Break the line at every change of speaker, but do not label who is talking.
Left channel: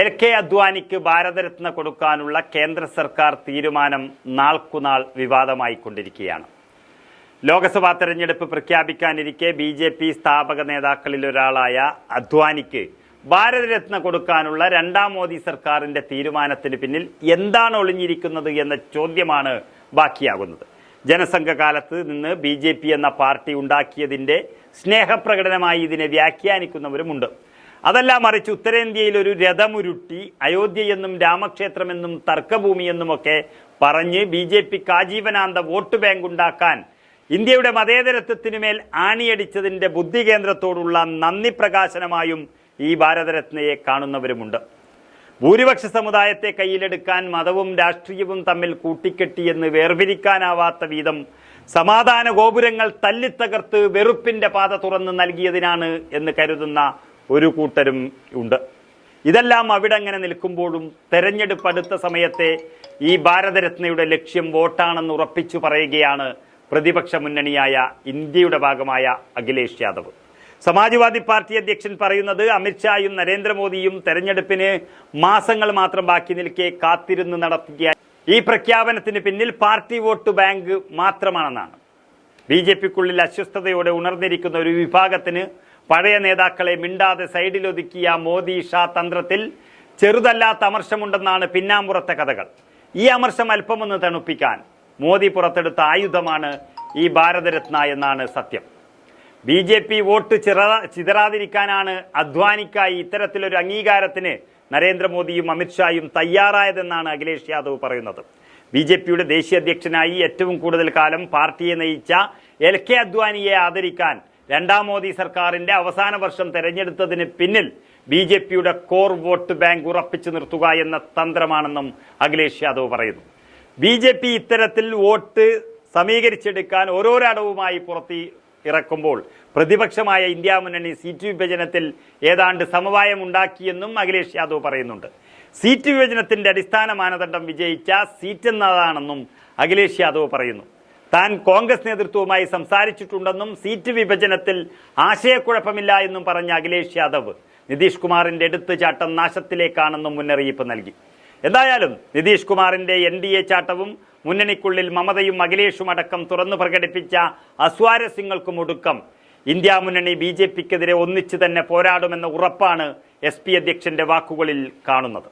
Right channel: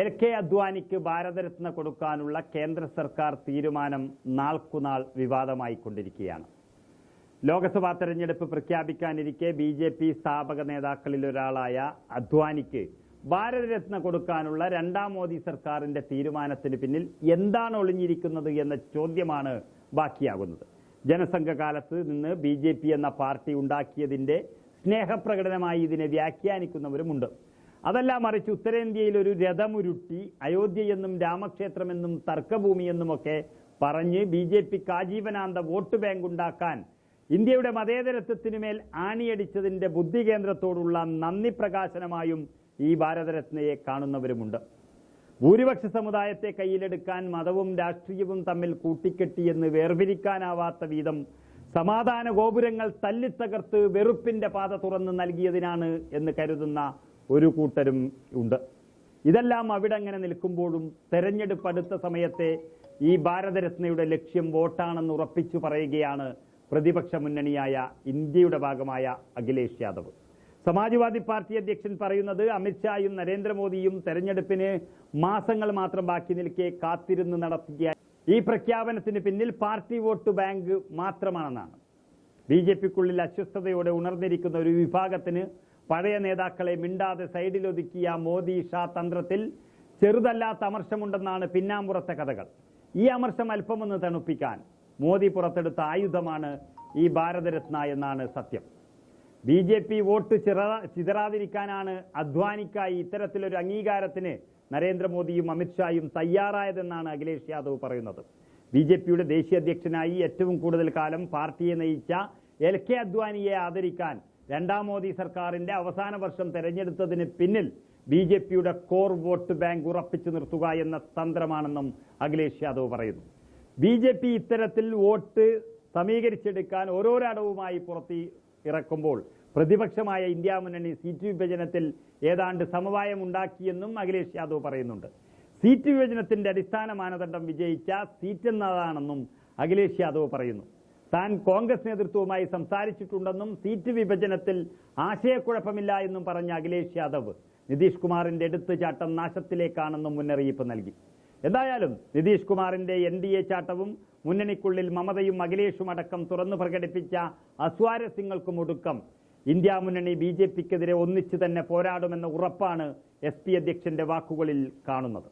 L K അദ്വാനിക്ക് Bharat Ratna കൊടുക്കാനുള്ള കേന്ദ്ര സർക്കാർ തീരുമാനം നാൾക്കുനാൾ വിവാദമായിക്കൊണ്ടിരിക്കുകയാണ്. ലോക്സഭാ തെരഞ്ഞെടുപ്പ് പ്രഖ്യാപിക്കാനിരിക്കെ ബി ജെ പി സ്ഥാപക നേതാക്കളിൽ ഒരാളായ അദ്വാനിക്ക് ഭാരതരത്ന കൊടുക്കാനുള്ള രണ്ടാം മോദി സർക്കാരിന്റെ തീരുമാനത്തിന് പിന്നിൽ എന്താണ് ഒളിഞ്ഞിരിക്കുന്നത് എന്ന ചോദ്യമാണ് ബാക്കിയാകുന്നത്. ജനസംഘകാലത്ത് നിന്ന് ബി ജെ പി എന്ന പാർട്ടി ഉണ്ടാക്കിയതിന്റെ സ്നേഹപ്രകടനമായി ഇതിനെ വ്യാഖ്യാനിക്കുന്നവരുമുണ്ട്. അതല്ല മറിച്ച് ഉത്തരേന്ത്യയിൽ ഒരു രഥമുരുട്ടി അയോധ്യയെന്നും രാമക്ഷേത്രമെന്നും തർക്കഭൂമിയെന്നുമൊക്കെ പറഞ്ഞ് ബി ജെ പിക്ക് ആജീവനാന്ത വോട്ട് ബാങ്ക് ഉണ്ടാക്കാൻ ഇന്ത്യയുടെ മതേതരത്വത്തിനുമേൽ ആണിയടിച്ചതിന്റെ ബുദ്ധി കേന്ദ്രത്തോടുള്ള നന്ദി പ്രകാശനമായും ഈ ഭാരതരത്നയെ കാണുന്നവരുമുണ്ട്. ഭൂരിപക്ഷ സമുദായത്തെ കയ്യിലെടുക്കാൻ മതവും രാഷ്ട്രീയവും തമ്മിൽ കൂട്ടിക്കെട്ടിയെന്ന് വേർപിരിക്കാനാവാത്ത വീതം സമാധാന ഗോപുരങ്ങൾ തല്ലിത്തകർത്ത് വെറുപ്പിന്റെ പാത തുറന്ന് നൽകിയതിനാണ് എന്ന് കരുതുന്ന ഒരു കൂട്ടരും ഉണ്ട്. ഇതെല്ലാം അവിടെ അങ്ങനെ നിൽക്കുമ്പോഴും തെരഞ്ഞെടുപ്പ് അടുത്ത സമയത്തെ ഈ ഭാരതരത്നയുടെ ലക്ഷ്യം വോട്ടാണെന്ന് ഉറപ്പിച്ചു പറയുകയാണ് പ്രതിപക്ഷ മുന്നണിയായ ഇന്ത്യയുടെ ഭാഗമായ അഖിലേഷ് യാദവ്. സമാജ്വാദി പാർട്ടി അധ്യക്ഷൻ പറയുന്നത് അമിത്ഷായും നരേന്ദ്രമോദിയും തെരഞ്ഞെടുപ്പിന് മാസങ്ങൾ മാത്രം ബാക്കി നിൽക്കെ കാത്തിരുന്ന് നടത്തിയ ഈ പ്രഖ്യാപനത്തിന് പിന്നിൽ പാർട്ടി വോട്ട് ബാങ്ക് മാത്രമാണെന്നാണ്. ബി ജെ പിക്കുള്ളിൽ അസ്വസ്ഥതയോടെ ഉണർന്നിരിക്കുന്ന ഒരു വിഭാഗത്തിന് പഴയ നേതാക്കളെ മിണ്ടാതെ സൈഡിലൊതുക്കിയ മോദി ഷാ തന്ത്രത്തിൽ ചെറുതല്ലാത്ത അമർഷമുണ്ടെന്നാണ് പിന്നാമ്പുറത്തെ കഥകൾ. ഈ അമർഷം അല്പമൊന്ന് തണുപ്പിക്കാൻ മോദി പുറത്തെടുത്ത ആയുധമാണ് ഈ ഭാരതരത്ന എന്നാണ് സത്യം. ബി ജെ പി വോട്ട് ചിറ ചിതറാതിരിക്കാനാണ് അദ്വാനിക്കായി ഇത്തരത്തിലൊരു അംഗീകാരത്തിന് നരേന്ദ്രമോദിയും അമിത്ഷായും തയ്യാറായതെന്നാണ് അഖിലേഷ് യാദവ് പറയുന്നത്. ബി ജെ പിയുടെ ദേശീയ അധ്യക്ഷനായി ഏറ്റവും കൂടുതൽ കാലം പാർട്ടിയെ നയിച്ച എൽ കെ അദ്വാനിയെ ആദരിക്കാൻ രണ്ടാം മോദി സർക്കാരിന്റെ അവസാന വർഷം തെരഞ്ഞെടുത്തതിന് പിന്നിൽ ബി ജെ പിയുടെ കോർ വോട്ട് ബാങ്ക് ഉറപ്പിച്ചു നിർത്തുക എന്ന തന്ത്രമാണെന്നും അഖിലേഷ് യാദവ് പറയുന്നു. ബി ജെ പി ഇത്തരത്തിൽ വോട്ട് സമീകരിച്ചെടുക്കാൻ ഓരോരടവുമായി പുറത്തി ഇറക്കുമ്പോൾ പ്രതിപക്ഷമായ ഇന്ത്യ മുന്നണി സീറ്റ് വിഭജനത്തിൽ ഏതാണ്ട് സമവായം ഉണ്ടാക്കിയെന്നും അഖിലേഷ് യാദവ് പറയുന്നുണ്ട്. സീറ്റ് വിഭജനത്തിന്റെ അടിസ്ഥാന മാനദണ്ഡം വിജയിച്ച സീറ്റ് എന്നതാണെന്നും അഖിലേഷ് യാദവ് പറയുന്നു. താൻ കോൺഗ്രസ് നേതൃത്വവുമായി സംസാരിച്ചിട്ടുണ്ടെന്നും സീറ്റ് വിഭജനത്തിൽ ആശയക്കുഴപ്പമില്ല എന്നും പറഞ്ഞ അഖിലേഷ് യാദവ് നിതീഷ് കുമാറിന്റെ എടുത്തുചാട്ടം നാശത്തിലേക്കാണെന്നും മുന്നറിയിപ്പ് നൽകി. എന്തായാലും നിതീഷ് കുമാറിന്റെ എൻ ഡി എ ചാട്ടവും മുന്നണിക്കുള്ളിൽ മമതയും അഖിലേഷും അടക്കം തുറന്നു പ്രകടിപ്പിച്ച അസ്വാരസ്യങ്ങൾക്കും ഒടുക്കം. ഇന്ത്യ മുന്നണി ബി ജെ പിക്കെതിരെ ഒന്നിച്ചു തന്നെ പോരാടുമെന്ന ഉറപ്പാണ് എസ് പി അധ്യക്ഷന്റെ വാക്കുകളിൽ കാണുന്നത്.